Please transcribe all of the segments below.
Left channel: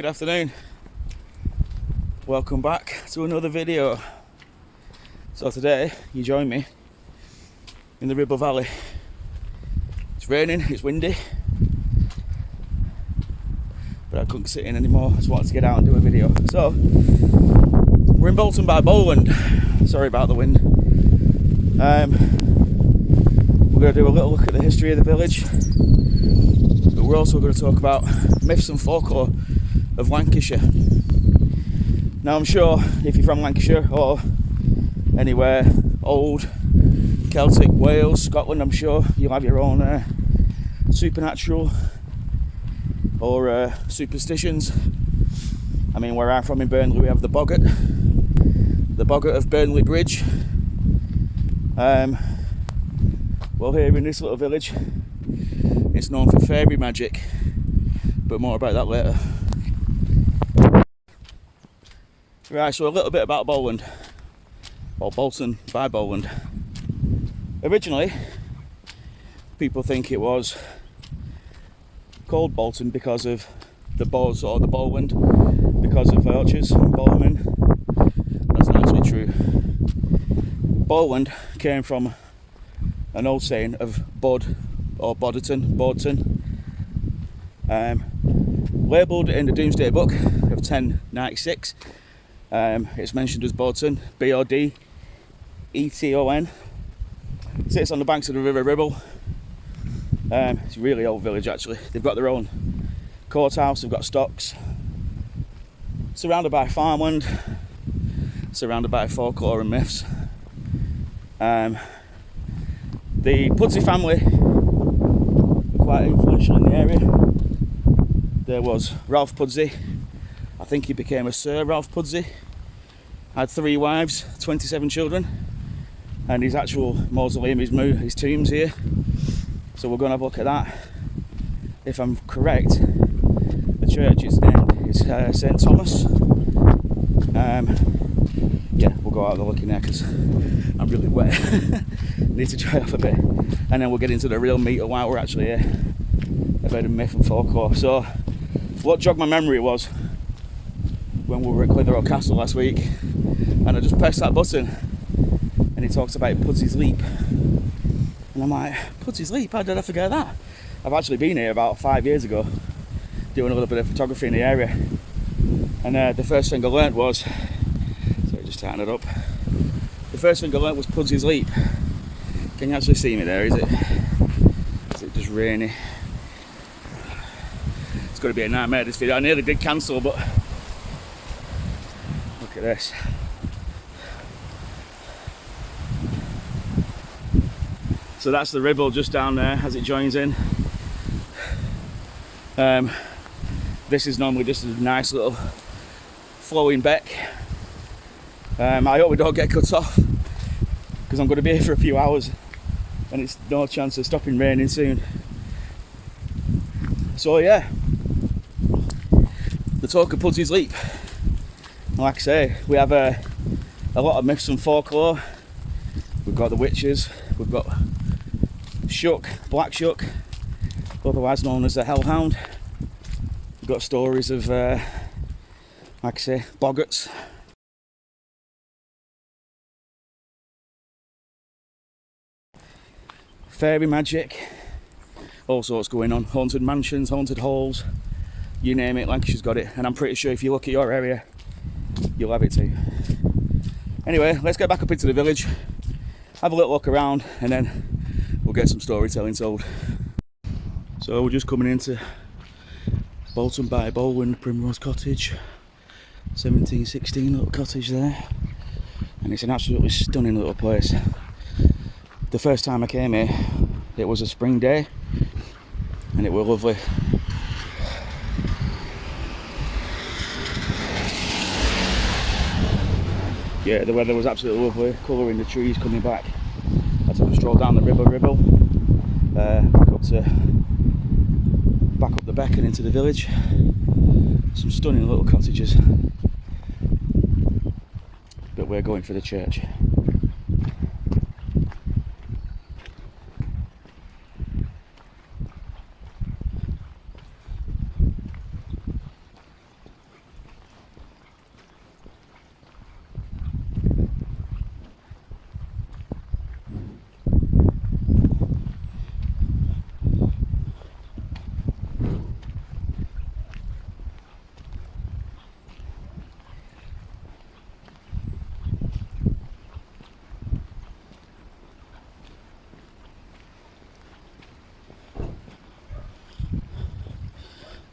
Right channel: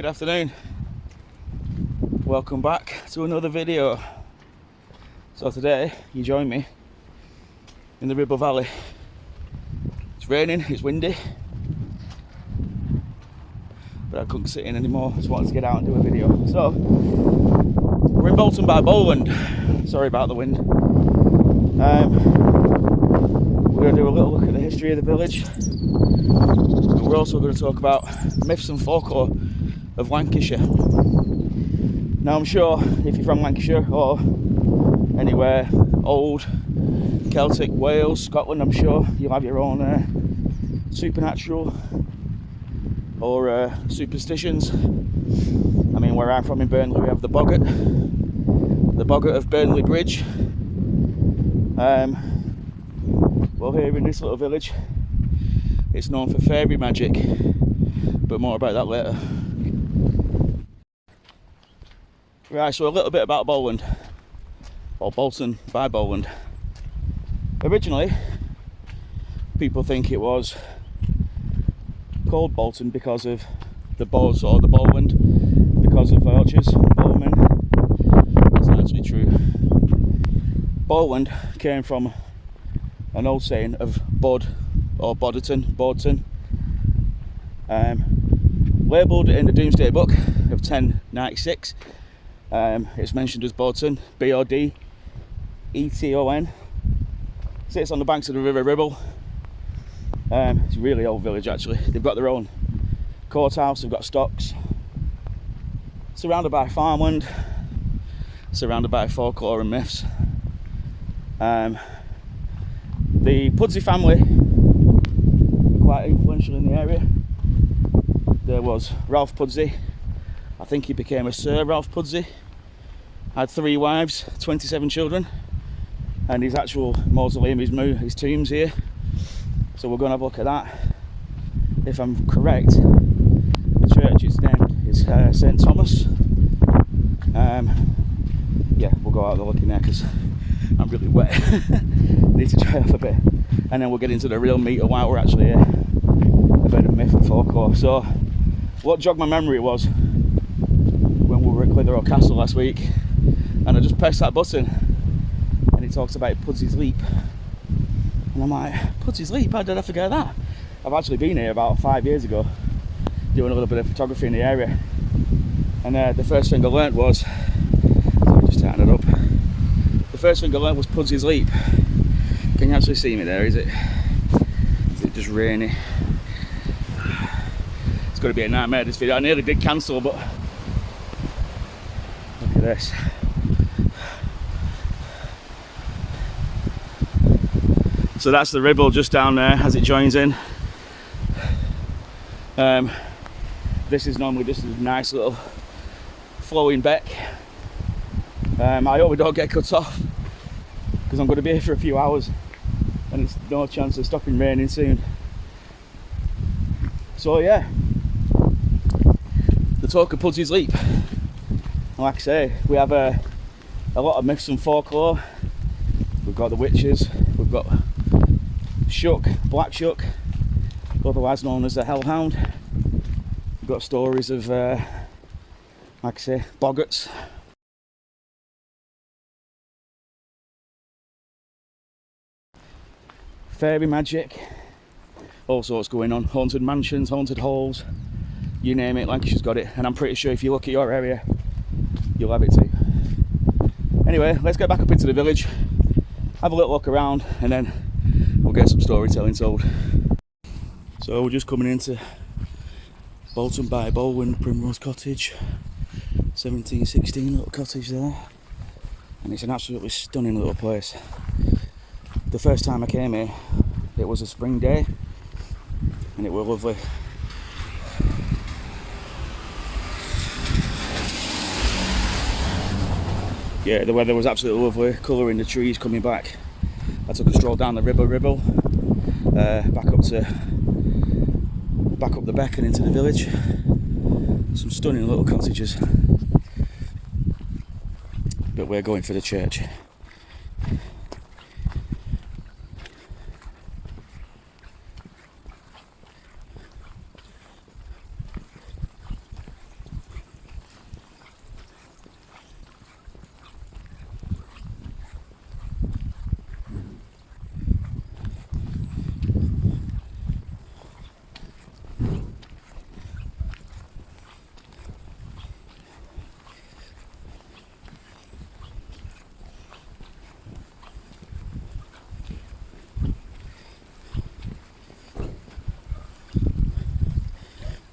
Good afternoon, welcome back to another video. So today you join me in the Ribble Valley. It's raining, it's windy, but I couldn't sit in anymore. I just wanted to get out and do a video. So we're in Bolton by Bowland. Sorry about the wind. We're going to do a little look at the history of the village, but we're also going to talk about myths and folklore of Lancashire. Now I'm sure if you're from Lancashire or anywhere old, Celtic, Wales, Scotland, I'm sure you'll have your own supernatural or superstitions. I mean, where I'm from in Burnley, we have the boggart of Burnley Bridge. Well, here in this little village, it's known for fairy magic, but more about that later. Right, so a little bit about Bowland, or Bolton by Bowland. Originally, people think it was called Bolton because of the bows, or the Bowland because of archers and bowmen. That's not actually true. Bowland came from an old saying of Bod or Bodderton, labelled in the Domesday Book of 1096. It's mentioned as Bolton, Bodton. Sits on the banks of the River Ribble. It's a really old village actually. They've got their own courthouse, they've got stocks. Surrounded by farmland, surrounded by folklore and myths. The Pudsey family were quite influential in the area. There was Ralph Pudsey. I think he became a Sir Ralph Pudsey. Had 3 wives, 27 children, and his actual mausoleum, his tomb's here. So we're going to have a look at that. If I'm correct, the church's name is St Thomas. Yeah, we'll go out and look in there because I'm really wet. Need to dry off a bit, and then we'll get into the real meat of why we're actually here. A bit of myth and folklore. So what jogged my memory was when we were at Clitheroe Castle last week, and I just pressed that button and it talks about Pudsey's Leap, and I'm like, Pudsey's Leap, how did I forget that? I've actually been here about 5 years ago doing a little bit of photography in the area, and the first thing I learnt was, sorry, just tighten it up, the first thing I learnt was Pudsey's Leap. Can you actually see me there? Is it just rainy? It's going to be a nightmare this video. I nearly did cancel, but look at this. So that's the Ribble just down there as it joins in. This is a nice little flowing beck. I hope we don't get cut off because I'm going to be here for a few hours and it's no chance of stopping raining soon. So yeah, the talk of Pudsey's Leap. Like I say, we have a lot of myths and folklore. We've got the witches, we've got Shuck, Black Shuck, otherwise known as the Hellhound. We've got stories of, like I say, boggarts. Fairy magic, all sorts going on. Haunted mansions, haunted halls, you name it, Lancashire's got it. And I'm pretty sure if you look at your area, you'll have it too. Anyway, let's get back up into the village, have a little look around, and then we'll get some storytelling told. So we're just coming into Bolton by Bowland, Primrose Cottage, 1716 little cottage there, and it's an absolutely stunning little place. The first time I came here, it was a spring day, and it was lovely. Yeah, the weather was absolutely lovely, colour in the trees coming back. I took a stroll down the Ribble, back up the beck and into the village. Some stunning little cottages, but we're going for the church.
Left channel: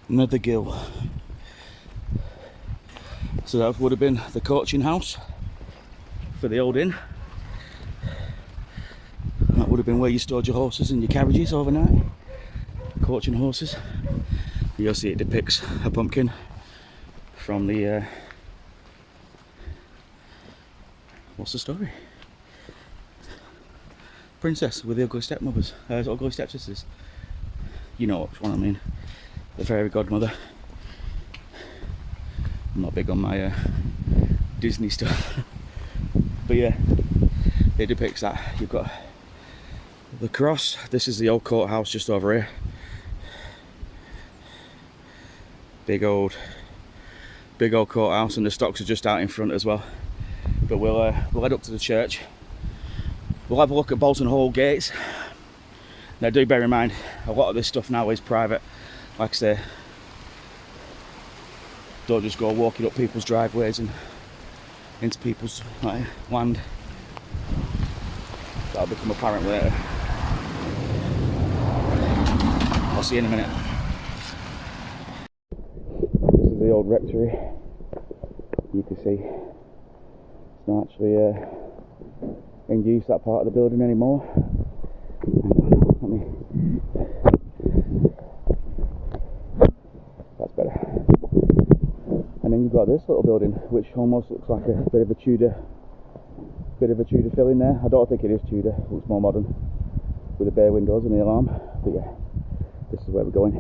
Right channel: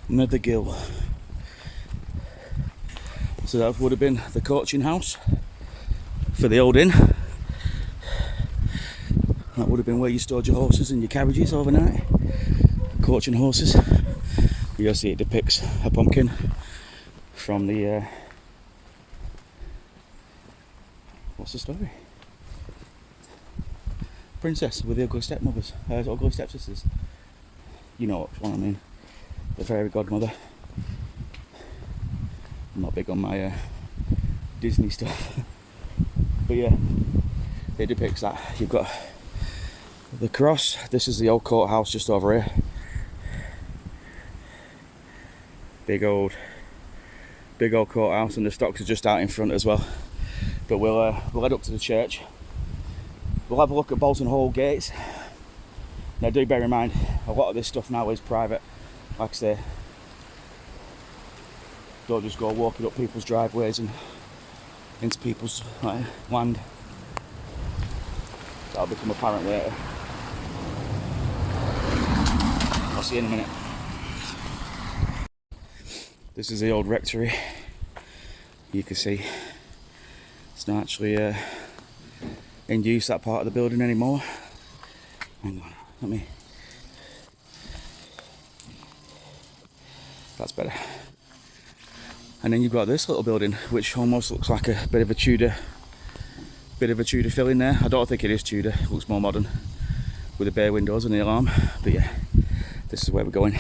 Nethergill. So that would have been the coaching house for the old inn. That would have been where you stored your horses and your carriages overnight. Coaching horses. You'll see it depicts a pumpkin from the what's the story? Princess with the ugly stepmothers, ugly stepsisters. You know which one I mean. The fairy godmother. I'm not big on my Disney stuff, but yeah, it depicts that. You've got the cross. This is the old courthouse just over here. Big old courthouse, and the stocks are just out in front as well. But we'll head up to the church. We'll have a look at Bolton Hall gates. Now do bear in mind, a lot of this stuff now is private. Like I say, don't just go walking up people's driveways and into people's land. That'll become apparent later. I'll see you in a minute. This is the old rectory. You can see it's not actually in use, that part of the building, anymore. Hang on, let me. That's better. And then you've got this little building, which almost looks like a bit of a Tudor fill in there. I don't think it is Tudor. It looks more modern with the bay windows and the alarm. But yeah, this is where we're going.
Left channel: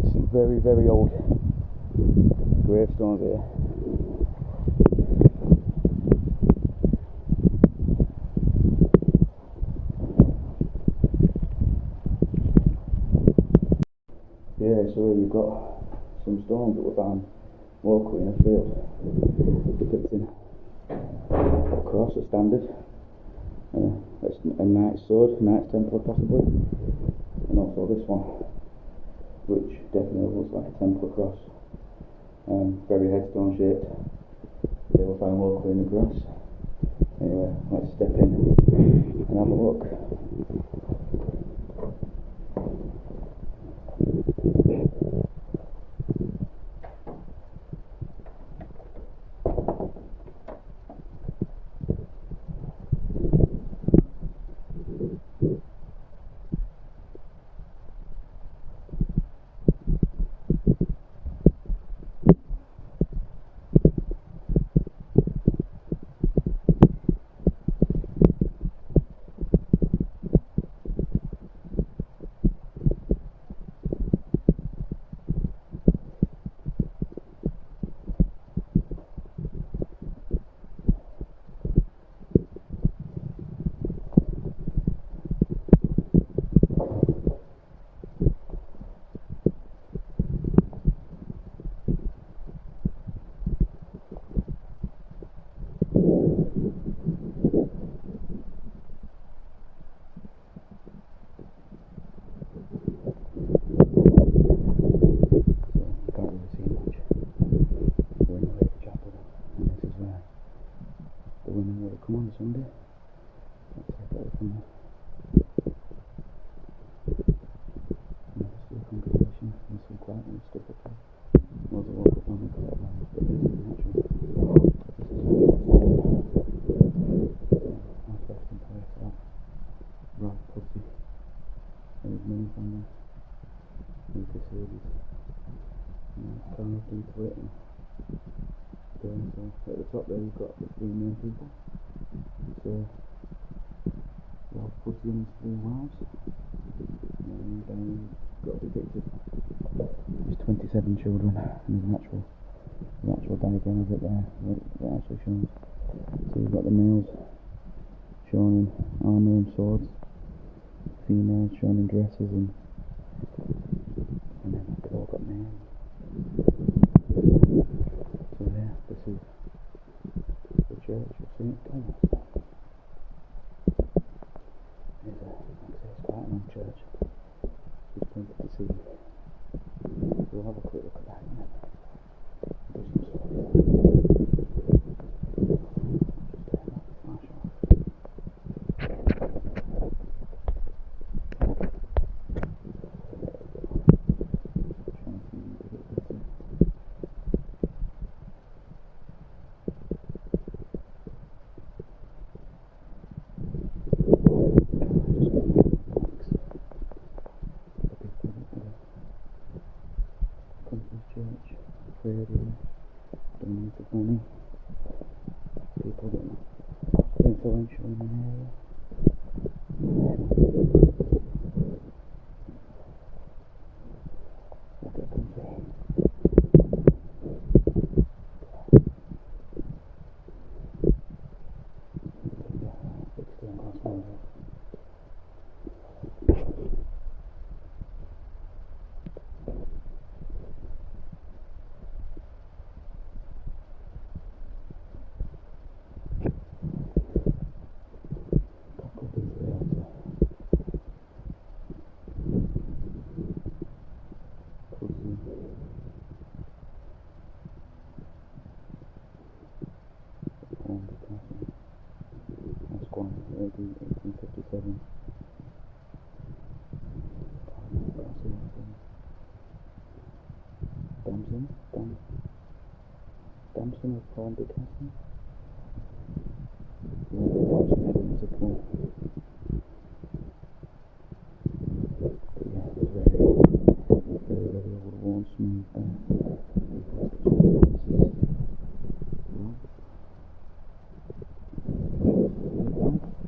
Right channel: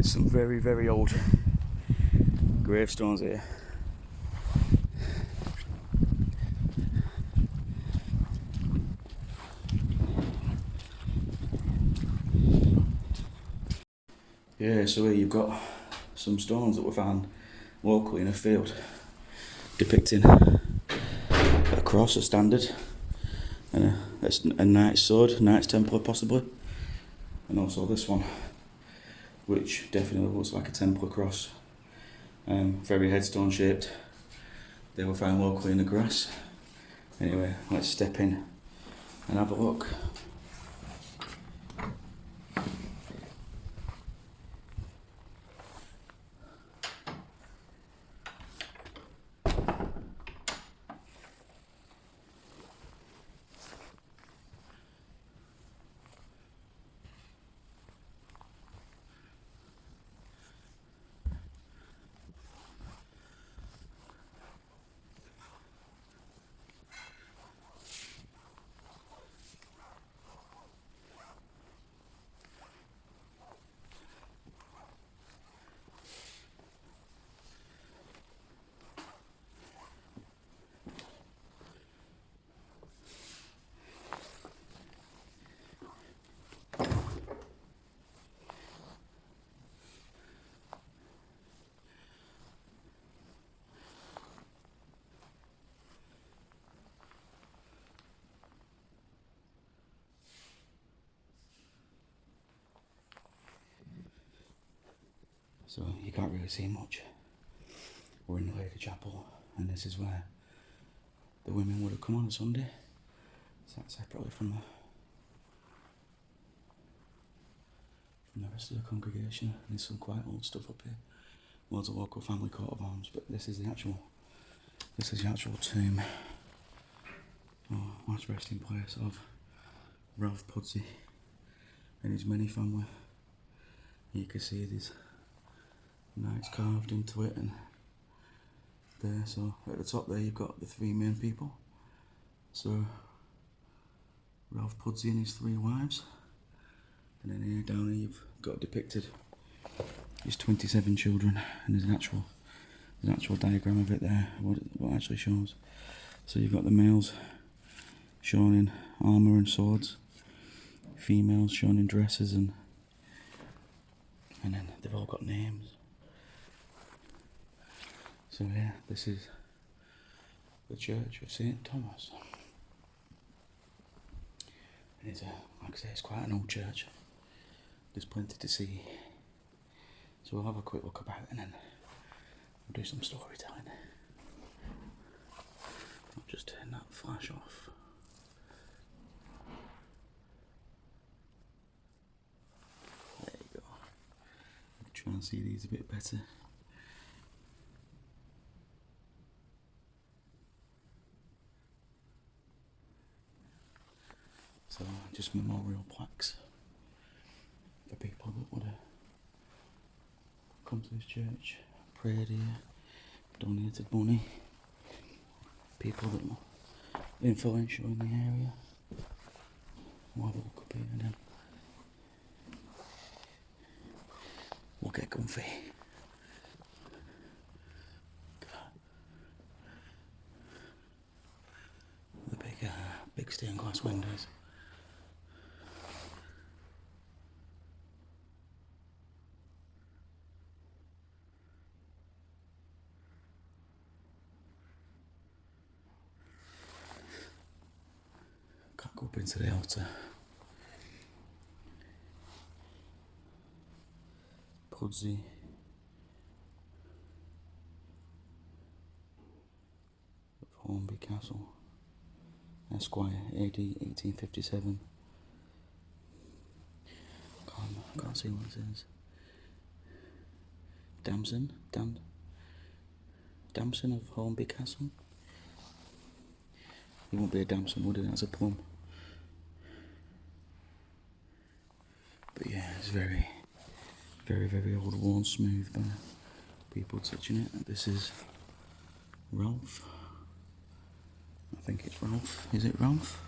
Some very, very old gravestones here. Yeah, so here you've got some stones that were found locally in a field depicting a cross, a standard, and a knight's sword, a knight's templar possibly, and also this one, which definitely looks like a Templar cross. Very headstone shaped. They were found locally in the grass. Anyway, let's step in and have a look. See much. We're in the Lancashire chapel, and this is where the women would have come on a Sunday. Sat separately from the rest of the congregation. There's some quite old stuff up here. Loads of local family coat of arms, but this is the actual tomb, last resting place of Ralph Pudsey and his many family. You can see these knights carved into it, and there, so at the top there you've got the three main people, So Ralph Pudsey and his 3 wives, and then here down here you've got depicted his 27 children, and there's an actual diagram of it there, what it actually shows. So you've got the males shown in armour and swords, females shown in dresses, and then they've all got names. So yeah, this is the Church of St Thomas. It's like I say, it's quite an old church. There's plenty to see. So we'll have a quick look about it and then we'll do some storytelling. I'll just turn that flash off. There you go. Try and see these a bit better. So just memorial plaques for people that would have come to this church, prayed here, donated money, people that were influential in the area. We'll get comfy. The big stained glass windows. Into the altar. Pudsey. Hornby Castle. Esquire, AD 1857. Can't see what it says. Damson of Hornby Castle. You won't be a Damson, would it? It's a plum. But yeah, it's very, very, very old, worn smooth by people touching it. This is Ralph. I think it's Ralph. Is it Ralph?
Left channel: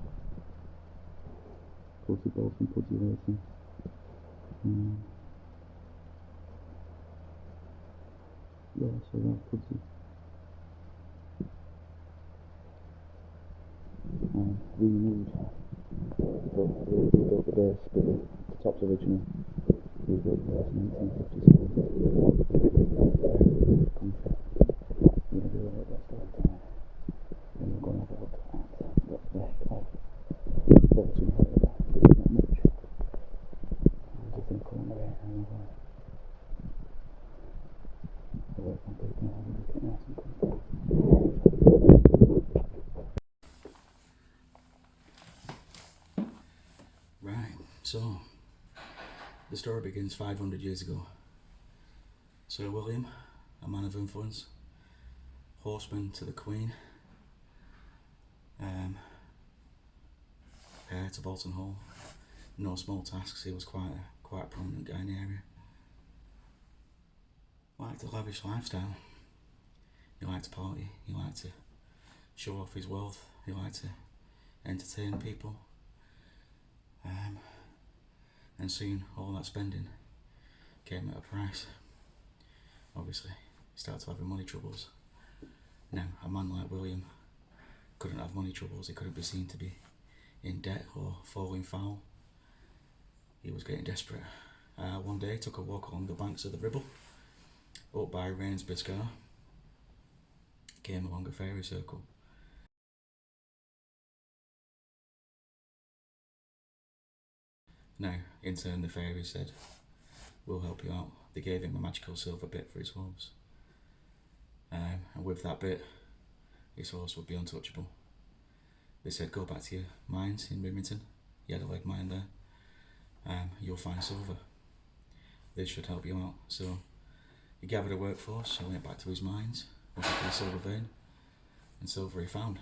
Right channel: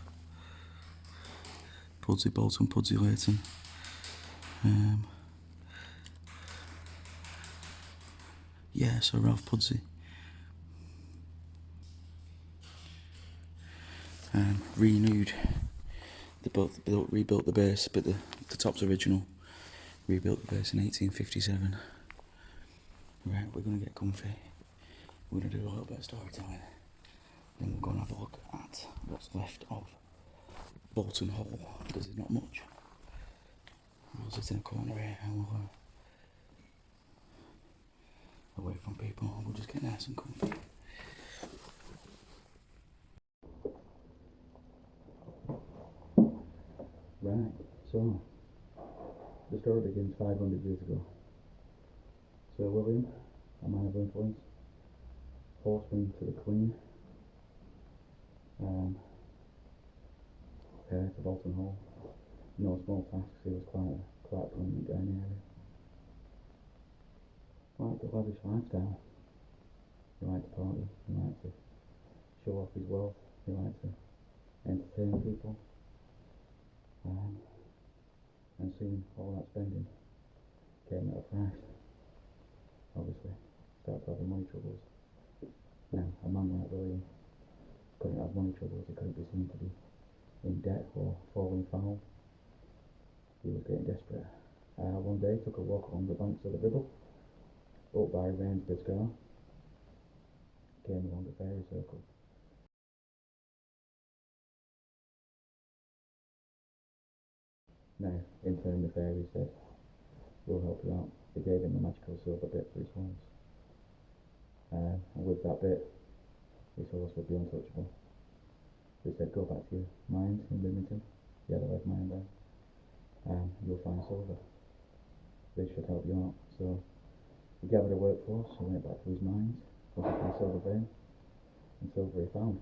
Pudsey, Bolton, Pudsey, Leighton. Yeah, so Ralph Pudsey. Renewed. They rebuilt the base, but the top's original. Rebuilt the base in 1857. Right, we're going to get comfy. We're going to do a little bit of storytelling. Then we're going to have a look at what's left of Bolton Hall, because there's not much. I'll sit in a corner here and we'll away from people. We'll just get nice and comfy. Right, so the story begins 500 years ago. Sir William, a man of influence, horseman to the Queen, heir to Bolton Hall. No small tasks, he was quite a prominent guy in the area. Liked a lavish lifestyle. He liked to party, he liked to show off his wealth, he liked to entertain people. And soon all that spending came at a price. Obviously, he started having money troubles. Now, a man like William couldn't have money troubles, he couldn't be seen to be in debt or falling foul. He was getting desperate. One day, he took a walk along the banks of the Ribble, up by Rainsby Scar, came along a fairy circle. Now, in turn, the fairies said, "We'll help you out." They gave him a magical silver bit for his horse. And with that bit, his horse would be untouchable. They said, "Go back to your mines in Rimington. You had a lead mine there. You'll find silver. This should help you out." So he gathered a workforce and went back to his mines, looking for a silver vein, and silver he found.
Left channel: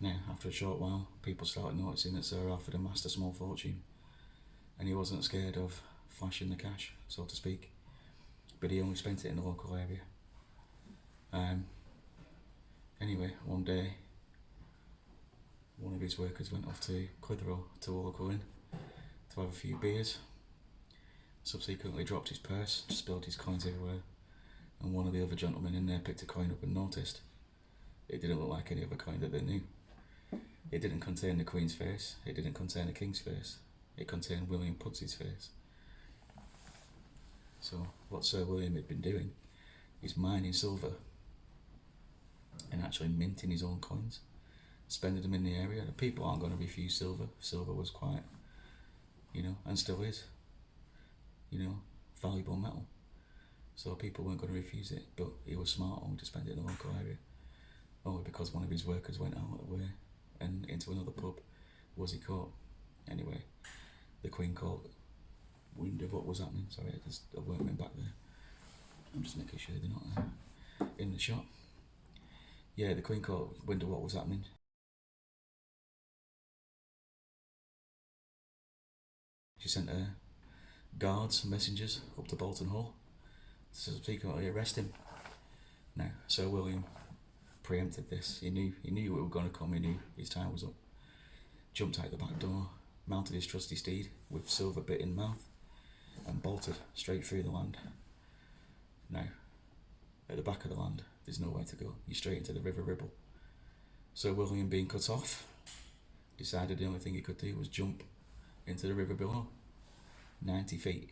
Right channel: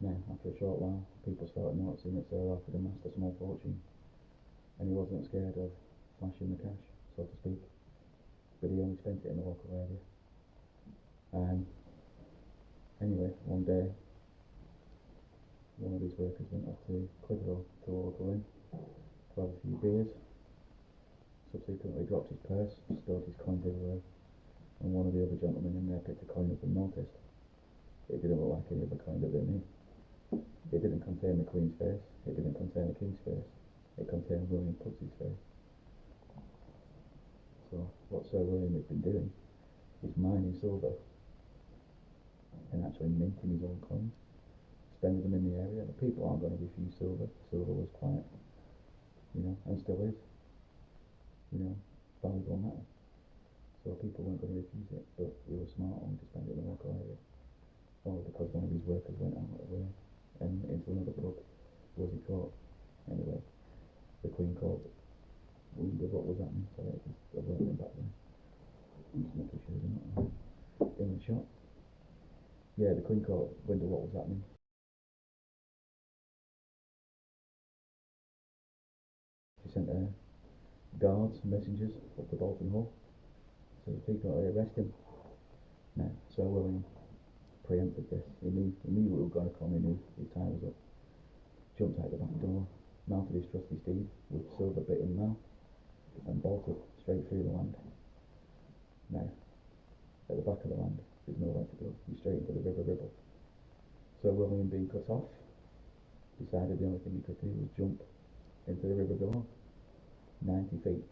Now, after a short while, people started noticing that Sir Alfred amassed a small fortune, and he wasn't scared of flashing the cash, so to speak, but he only spent it in the local area. Anyway, one day, one of his workers went off to Clitheroe to a local inn to have a few beers. Subsequently dropped his purse, spilled his coins everywhere, and one of the other gentlemen in there picked a coin up and noticed it didn't look like any other coin that they knew. It didn't contain the Queen's face, it didn't contain the King's face, it contained William Pudsey's face. So what Sir William had been doing is mining silver and actually minting his own coins, spending them in the area. The people aren't going to refuse silver. Silver was quite, and still is, valuable metal. So people weren't going to refuse it, but he was smart on to spend it in the local area. Only because one of his workers went out of the way and into another pub was he caught. Anyway, the Queen called, wondered what was happening. Sorry, there's a workman back there. I'm just making sure they're not in the shop. Yeah, the Queen called, wondered what was happening. She sent her guards, messengers up to Bolton Hall to subsequently arrest him. Now, Sir William preempted this. He knew we were going to come. He knew his time was up. Jumped out the back door, mounted his trusty steed with silver bit in mouth, and bolted straight through the land. Now, at the back of the land, there's nowhere to go. You're straight into the River Ribble. Sir William, being cut off, decided the only thing he could do was jump into the river below, 90 feet.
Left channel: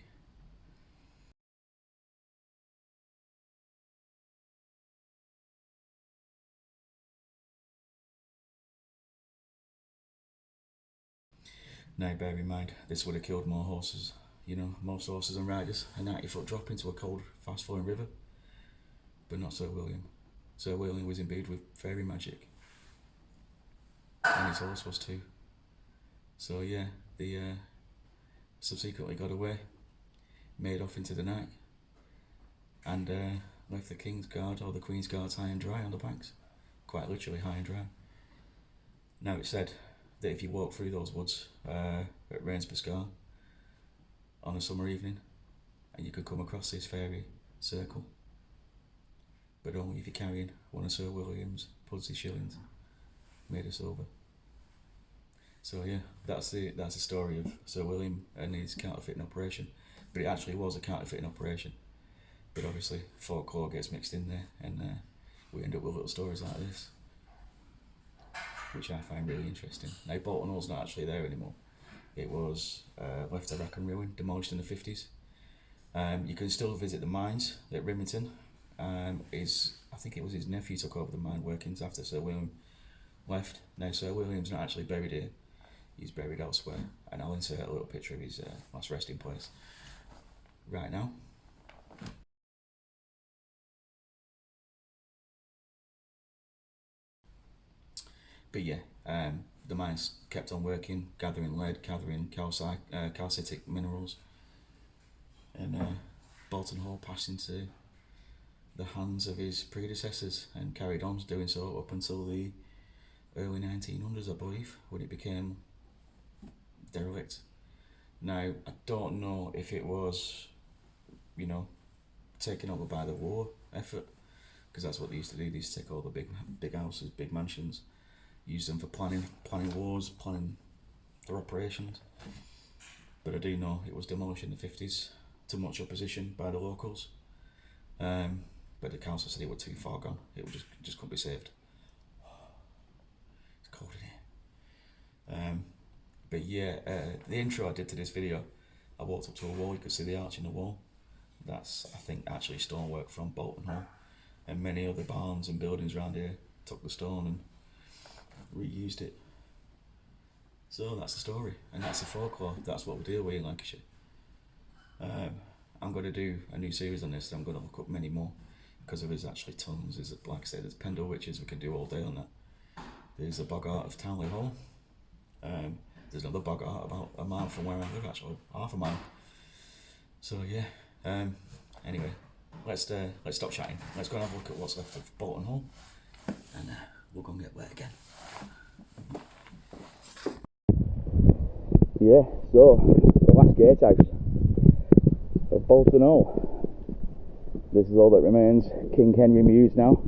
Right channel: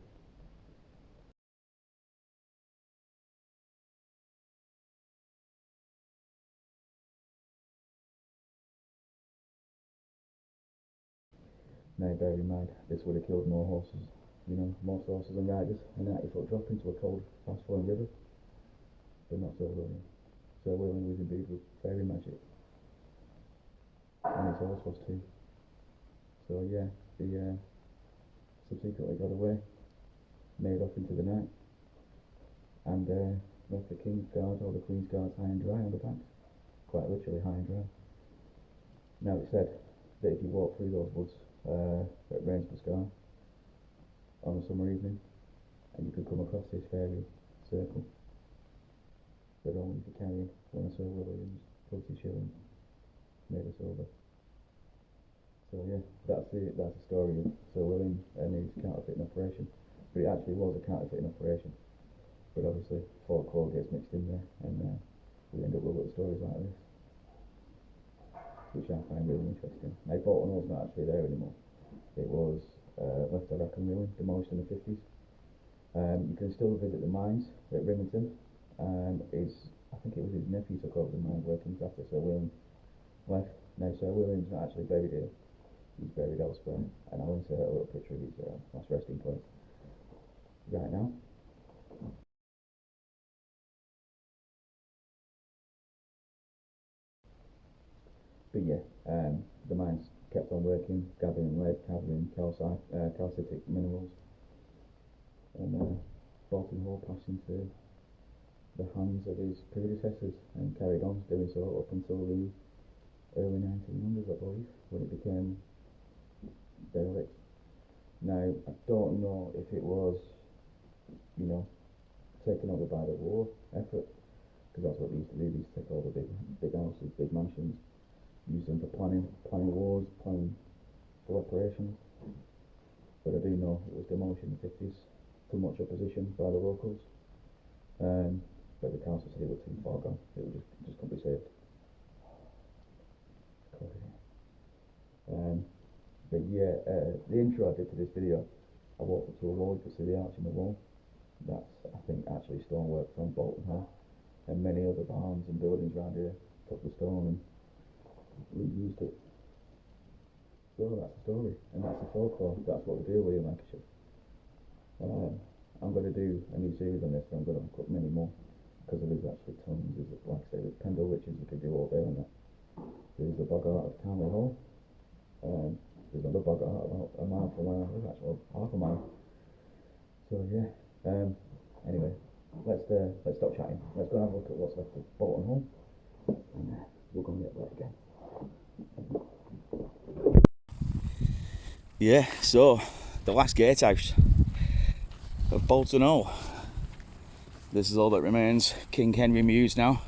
Now bear in mind, this would have killed more horses, most horses and riders, a 90-foot drop into a cold, fast-flowing river. But not Sir William. Sir William was imbued with fairy magic, and his horse was too. So yeah, the subsequently got away, made off into the night, and left the King's Guard or the Queen's Guards high and dry on the banks, quite literally high and dry. Now it's said that if you walk through those woods at Rains-Pascar on a summer evening, and you could come across this fairy circle, but only if you're carrying one of Sir William's Pudsey shillings made of silver. So yeah, that's the story of Sir William and his counterfeiting operation. But it actually was a counterfeiting operation. But obviously folklore gets mixed in there, and we end up with little stories like this, which I find really interesting. Now Bolton Hall's not actually there anymore. It was left to wreck and ruin, demolished in the 50s. You can still visit the mines at Rimington. I think it was his nephew took over the mine workings after Sir William left. Now Sir William's not actually buried here, he's buried elsewhere, and I'll insert a little picture of his last resting place right now. But yeah, the mines kept on working, gathering lead, gathering calcitic minerals, and Bolton Hall passed into the hands of his predecessors and carried on doing so up until the early 1900s, I believe, when it became derelict. Now, I don't know if it was, taken over by the war effort, because that's what they used to do. They used to take all the big houses, big mansions, use them for planning wars, planning their operations. But I do know it was demolished in the 50s to much opposition by the locals. But the council said it was too far gone. It would just couldn't be saved. It's cold in here. But yeah, the intro I did to this video, I walked up to a wall. You could see the arch in the wall. That's, I think, actually stonework from Bolton Hall, and many other barns and buildings around here took the stone and reused it. So that's the story, and that's the folklore. That's what we deal with in Lancashire. I'm going to do a new series on this, and I'm going to look up many more, because there is actually tons. There's, like I said, there's Pendle Witches, we could do all day on that. There's the Boggart of Townley Hall. There's another Boggart about a mile from where I live, actually, half a mile. So yeah, anyway, let's stop chatting. Let's go and have a look at what's left of Bolton Hall, and we'll go and get wet again. Yeah, so the last gatehouse of Bolton Hall. This is all that remains. King Henry Mews now.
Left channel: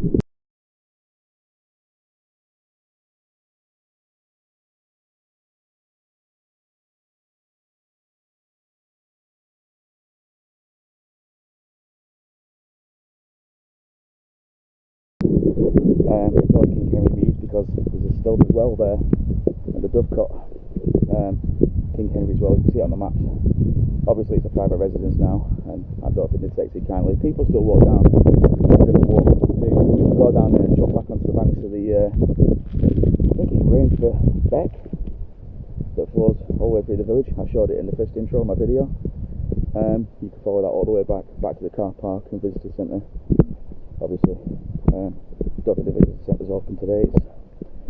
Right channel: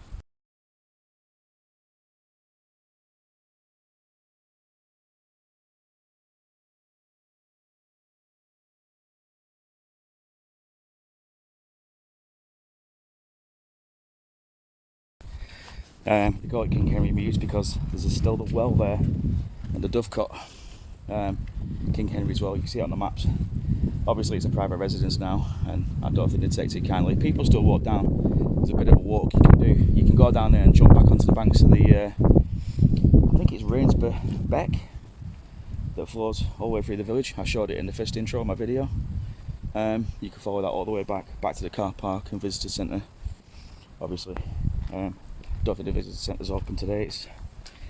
They call it King Henry Mews because there's still the well there and the Dovecote. King Henry's Well, you can see it on the maps. Obviously it's a private residence now, and I don't think they take too kindly. People still walk down. There's a bit of a walk you can do. You can go down there and jump back onto the banks of the, I think it's Rainsbourgh Beck that flows all the way through the village. I showed it in the first intro of my video. You can follow that all the way back to the car park and visitor centre. Obviously, don't think the visitor centre's open today.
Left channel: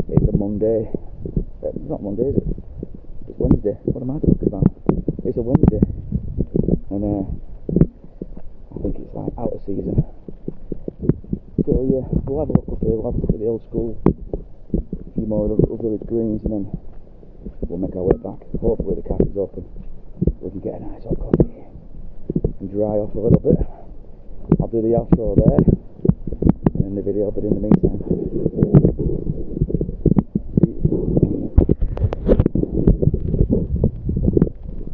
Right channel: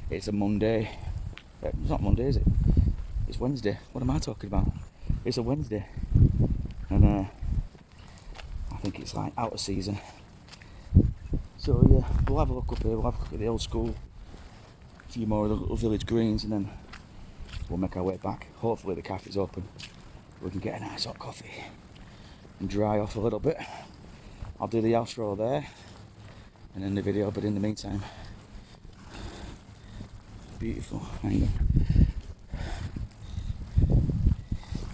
It's a Monday. It's not Monday, is it? It's Wednesday. What am I talking about? It's a Wednesday, and I think it's like out of season. So yeah, we'll have a look up here. We'll have a look at the old school, a few more of the little village greens, and then we'll make our way back. Hopefully the cafe's open. We can get a nice hot coffee and dry off a little bit. I'll do the outro there and end the video, but in the meantime,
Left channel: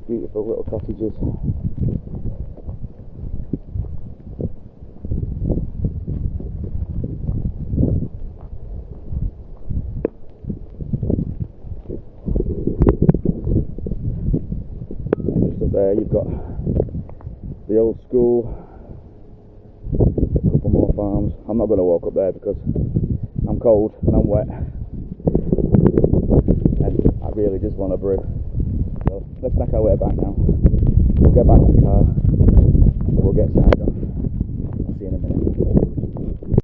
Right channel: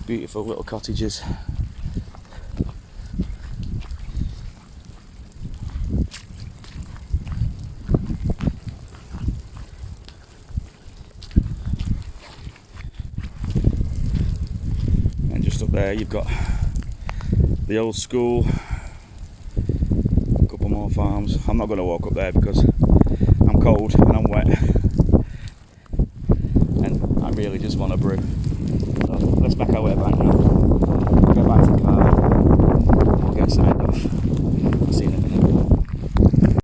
beautiful little cottages. And just up there you've got the old school, a couple more farms. I'm not going to walk up there because I'm cold and I'm wet and I really just want a brew. So let's back our way back now. We'll get back to the car and we'll get signed off. I'll see you in a minute.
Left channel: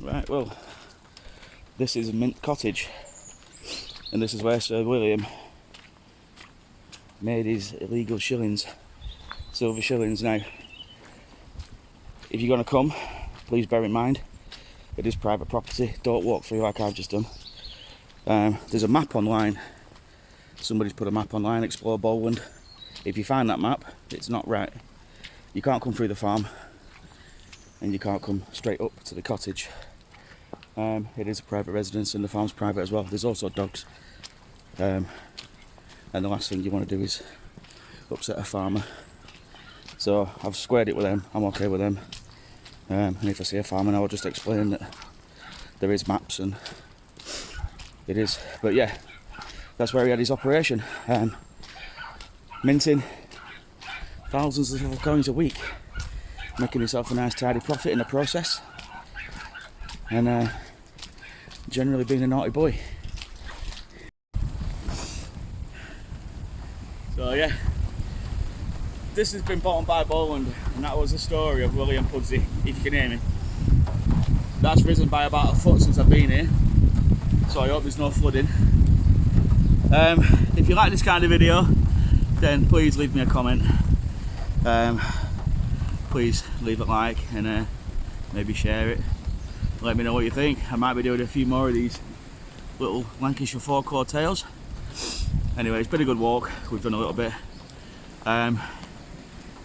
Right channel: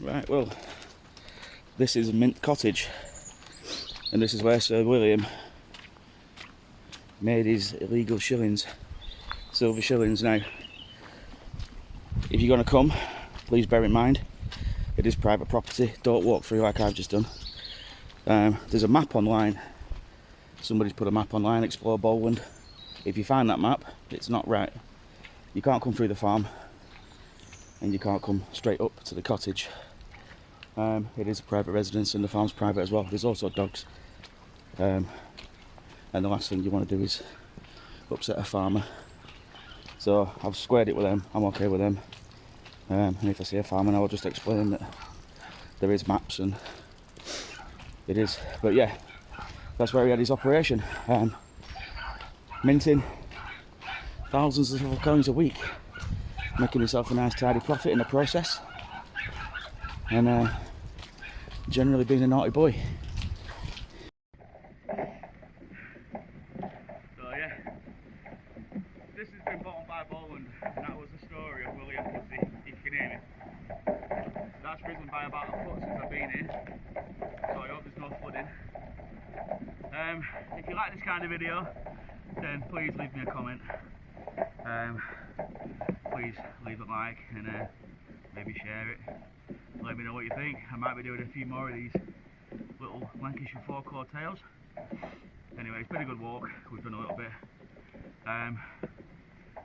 Right, well, this is Mint Cottage, and this is where Sir William made his illegal shillings, silver shillings. Now, if you're going to come, please bear in mind it is private property. Don't walk through like I've just done. There's a map online. Somebody's put a map online, Explore Bowland. If you find that map, it's not right. You can't come through the farm and you can't come straight up to the cottage. It is a private residence and the farm's private as well. There's also dogs. And the last thing you want to do is upset a farmer. So I've squared it with them. I'm okay with them. And if I see a farmer, I'll just explain that there is maps and it is. But yeah, that's where he had his operation. Minting thousands of coins a week, making himself a nice tidy profit in the process, and generally being a naughty boy. So yeah, this has been Bolton by Bowland, and that was the story of William Pudsey, if you can hear me. That's risen by about a foot since I've been here, so I hope there's no flooding. If you like this kind of video, then please leave me a comment. Please leave a like and maybe share it. Let me know what you think. I might be doing a few more of these little Lancashire folklore tales. Anyway, it's been a good walk. We've done a little bit.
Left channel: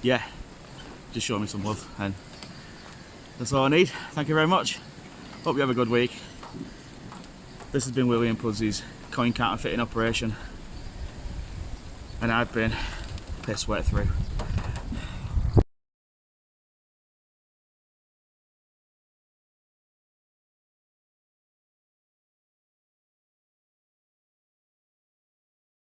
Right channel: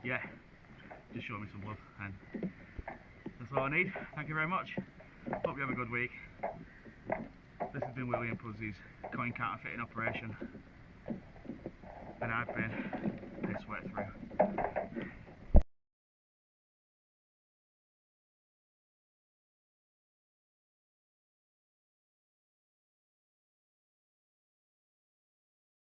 Yeah, just show me some love, and that's all I need. Thank you very much. Hope you have a good week. This has been William Pudsey's coin counterfeiting operation, and I've been piss wet through.